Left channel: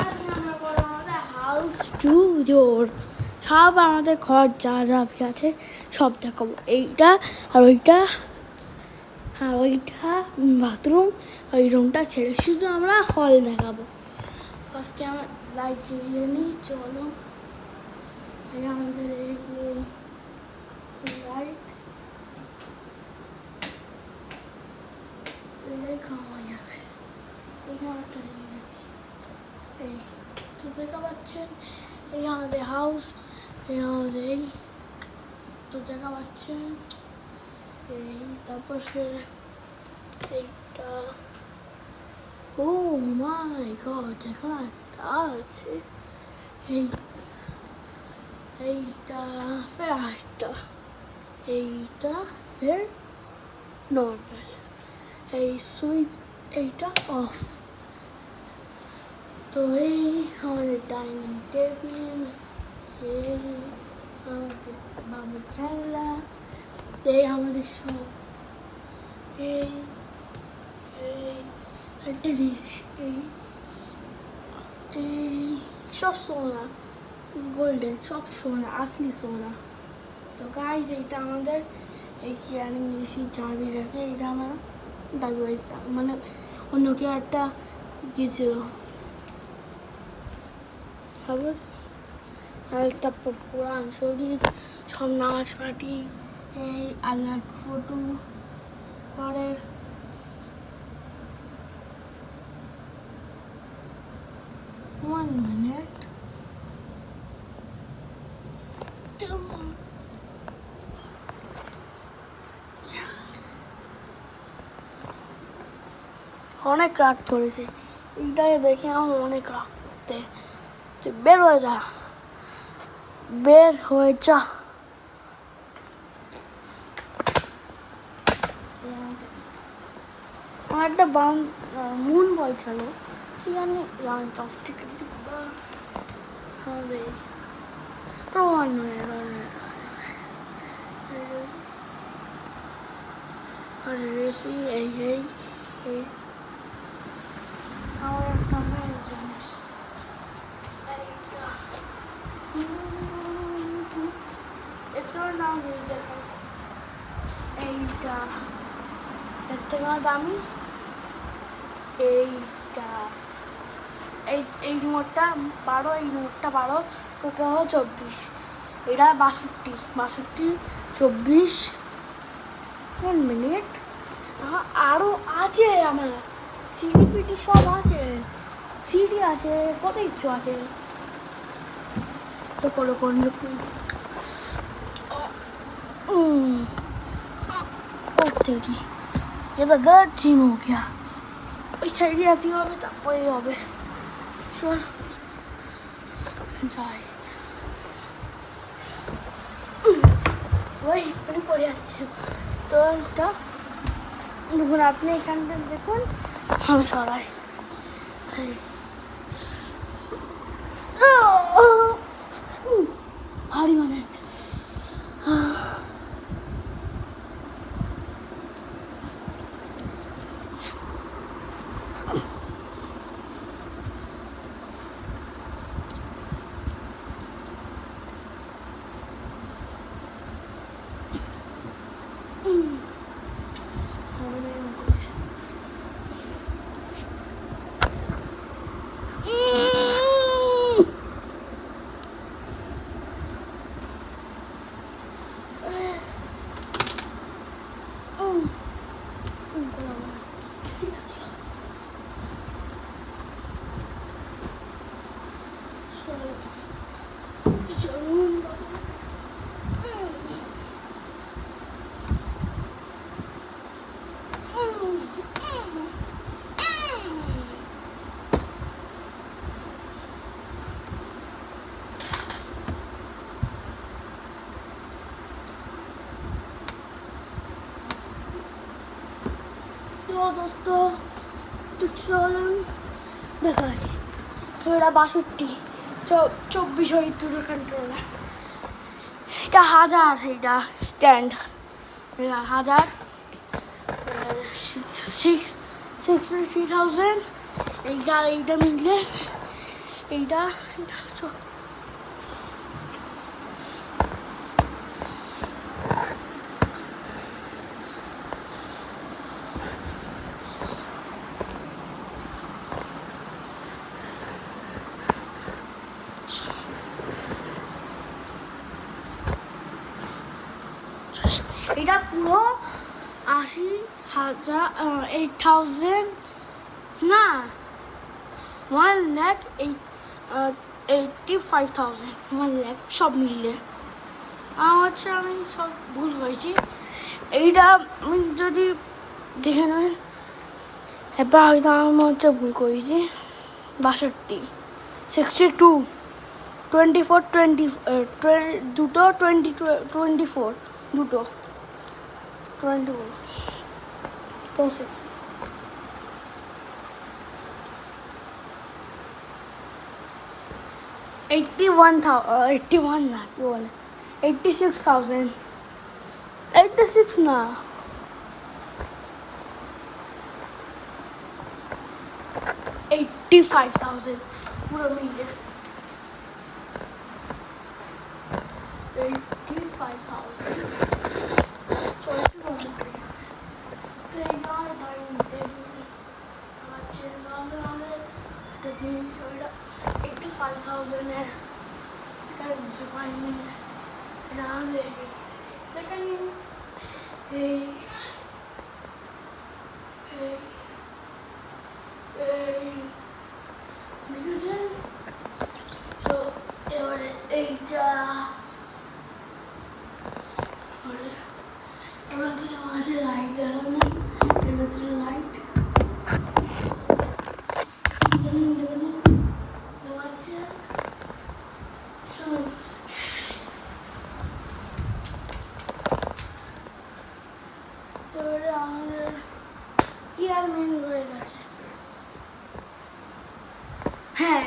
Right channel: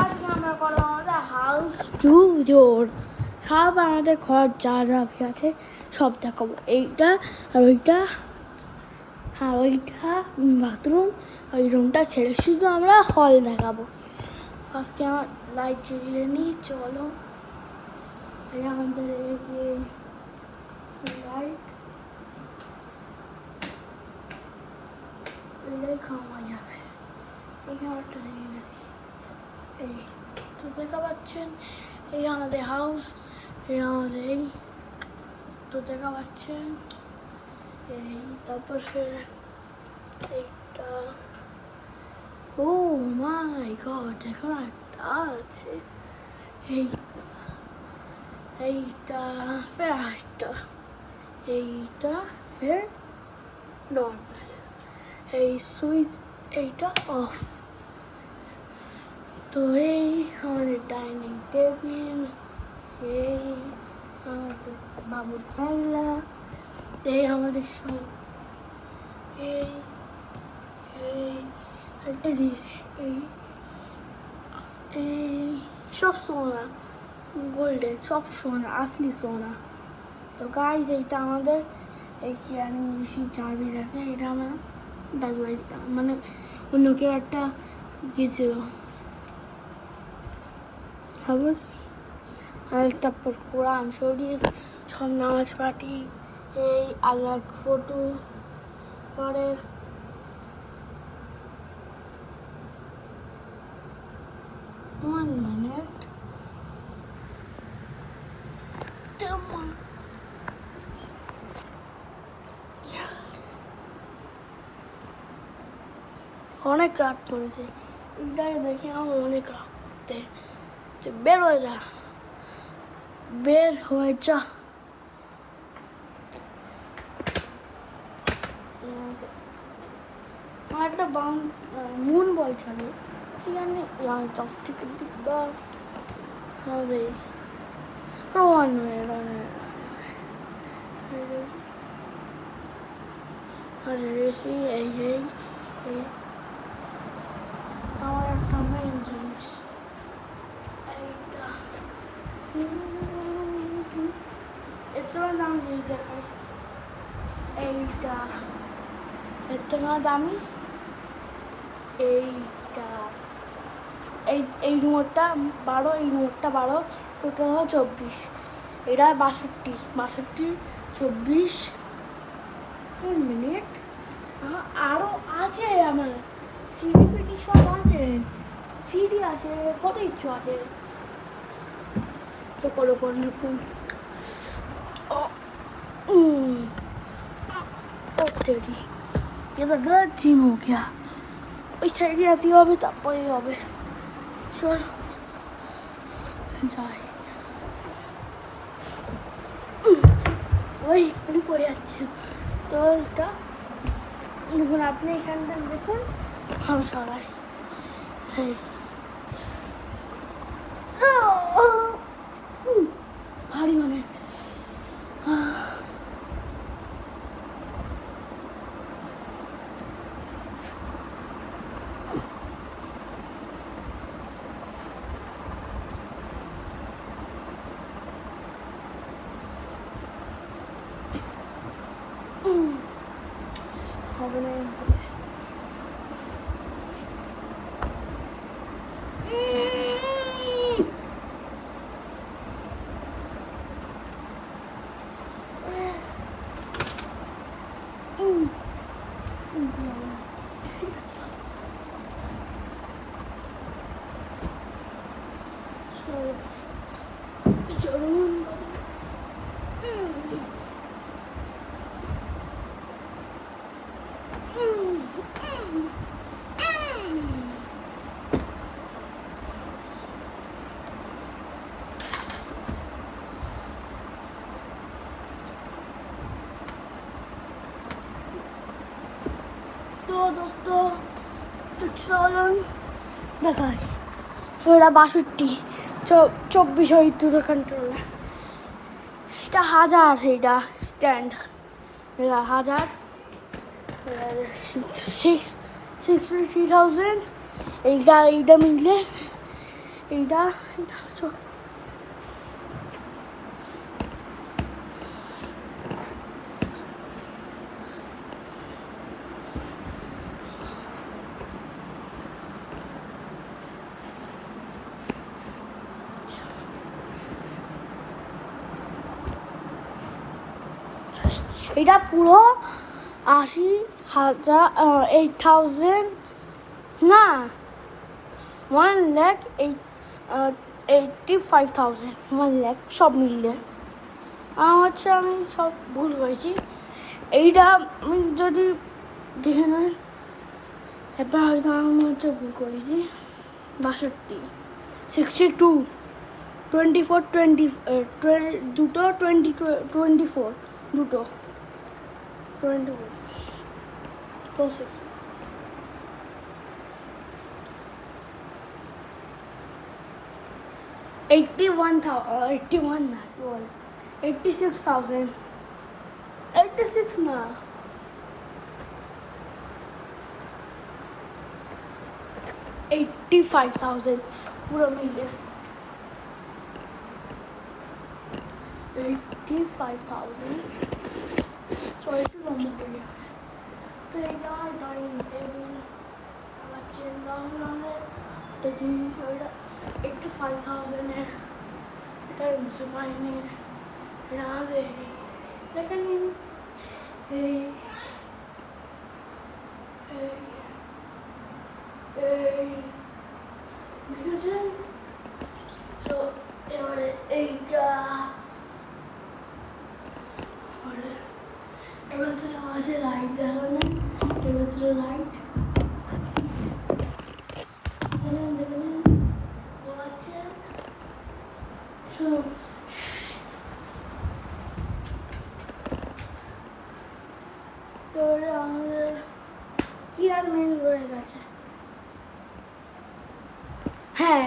আজকে আমরা করবো আমাদের হাউস ট্যুর। সব আমাদের ঘর যা যা আছে সব দেখাবো। এইটা আর ওইটা আর ওইটা বাথরুম, ওই রুমটা ছেড়ে শুধু আমরা হল দেখাবো। ফার্স্টে আমার লাইট জ্বালিয়ে নিই, চলো। এই আমাদের লাইট এটাই খাওয়া যাবে। এখানে একটা জিনিস এই তো দেখা পাচ্ছেন, এই আমাদের হাউস, এই আমাদের এই তো দেখা পাচ্ছেন এই, তারপর এইটা, ও মাই গড, এখানে একটা আছে এইটা, ফের একটা, এইটা ফের নর্মাল, এই সুইচ এইটা অফ। তো এই আমাদের ডাইনিং টেবিল, এই আমাদের বাবুর খেলনা, এই আমাদের সব এই একটা জিনিস, এই সব সোনা, গোল্ডেন, সব সোনা, আসলি সোনা। তো গাইজ এইটা আমাদের এই কিরানি ইংলিশি চাবি রাখে, এটা আমার দাদু ভাই মানে অন্য কেউ একটা গিয়েছিল। তারপর কোরআন শরীফ, সব নামাজ পাঠি, এই আল্লাহর ফটো, পরের one minute, অনেক রাগ করেছে এইটাকে দেখে, আমার অনেক রাগ করতে। বের হয়ে যা, বের হয়ে যা। আমার একটা মুন বল ছিল, সেখানে চপস্টিক ডিব্বা, আমাদের আর রেসি, এই আমার একটা মেন জিনিস এইটা, এত দাম জিনিস দেখাই, এইটা এর থেকে দামি, এইটা এই রিমোটটা 12, এই রিমোটটা 12, টোটাল হলো 24, এটা 62, 24 মিনিট। আরও আছে আমার সিডি ফিডি সব আছে, সিডি আছে, কত কিছু আছে। তো কোনো দেখুন তেরি, এটা গলत জিম हो गया। ওই সাইডে আসি হবে, তারপরে হবে। চল যাই, ওই পড়ে যাচ্ছে। তো এটা দেখুন, আপনি এখানটা দেখুন, আমি সবাই ভারী অনেক। হবে না চলুন তো দোস্ত, তো চলুন দেখাই। ওরা 62, 24 দুটো কন্ট্রোলার, এটা 1000, এইটা স্ট্যান্ড, এটা 1000, 63,000, এইটা মিললে এইটা এটা এটা পুরো 80,000 8,000 না 1,85,000 1,00,000 সব মিললে হচ্ছে আমি সব ভুল করেছি। এইটা আমি যদি দেখে নেই এবার হয়তো আমি হচ্ছে ভুল করেছি 62 62 24 দুটো 24 দুটো 24 81 না 86,000 86 না 85,000 পুরো মিলিয়ে 85,000 চলো একটু নম্বর করি। তো এইটা ডাইনিং টেবিল আমার চিন্তা ভাবনা একটা জিনিস ওইটা 85,000 এটা আমি বুঝতে পারিনি। এটা আমাদের দেখেন এই বুঝেছেন। তো এবারে এইটা এর ভিতরে মাঝে লাইট দেখাবেন, এর ভিতরে লাইট এবারে আমাদের কি আর মেন রয়ে গেছে। হ্যাঁ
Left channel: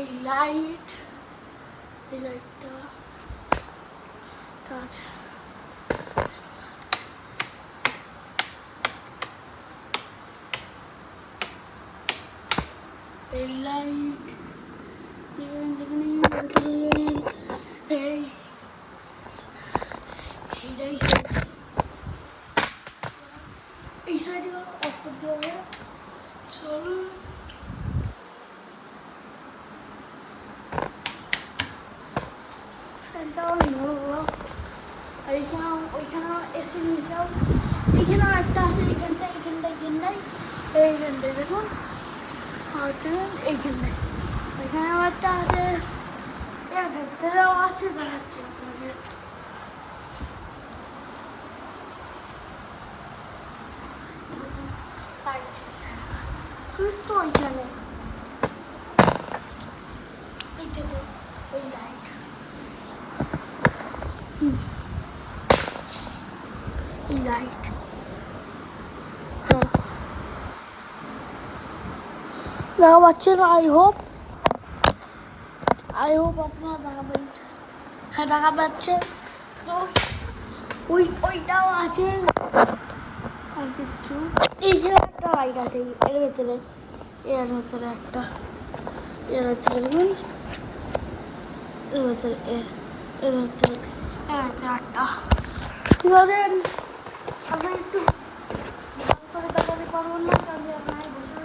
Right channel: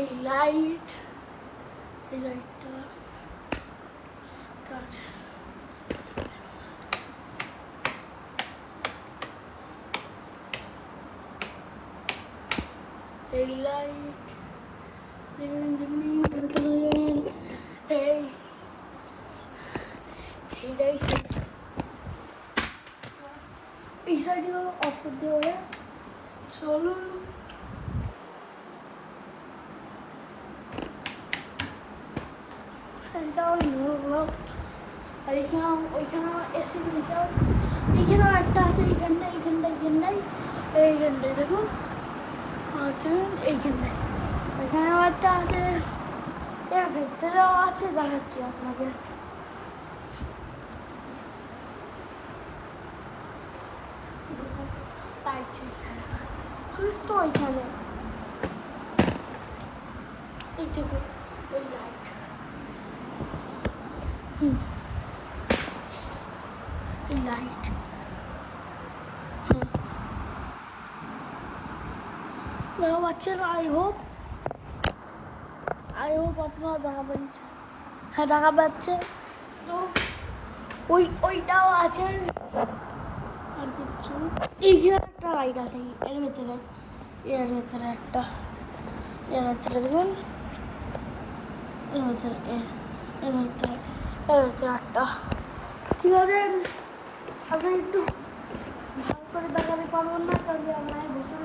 এই লাইটটা আছে। এই লাইট এইটাই এই সাইডে অফ করতে হবে। চলো এটা আর এখানে ওইখানে এসে নিয়ে যাও। এইখানেও একটা আছে এইখানটায় দেখুন আচ্ছা এইখানটায় ওইখানেও একটা আছে, এর ভেতরেও আছে দেখাচ্ছি আপনাদের। সুইচ তো ওইখানে এইটাতে ওই লাইট এই লাইট হ্যাঁ দেখা পাচ্ছেন। আই হোপ আপনারা দেখা পাচ্ছেন। হ্যাঁ দেখা পাচ্ছেন। তো ওইটাও আছে আর কিছু। এইখানে একটা লাইট আছে এর ভেতরে একটা দেখুন এর ভেতরে একটা। ঠিক আছে আপনি একটু ভালো করে দেখাতে পারবেন না কারণ আপনার বসে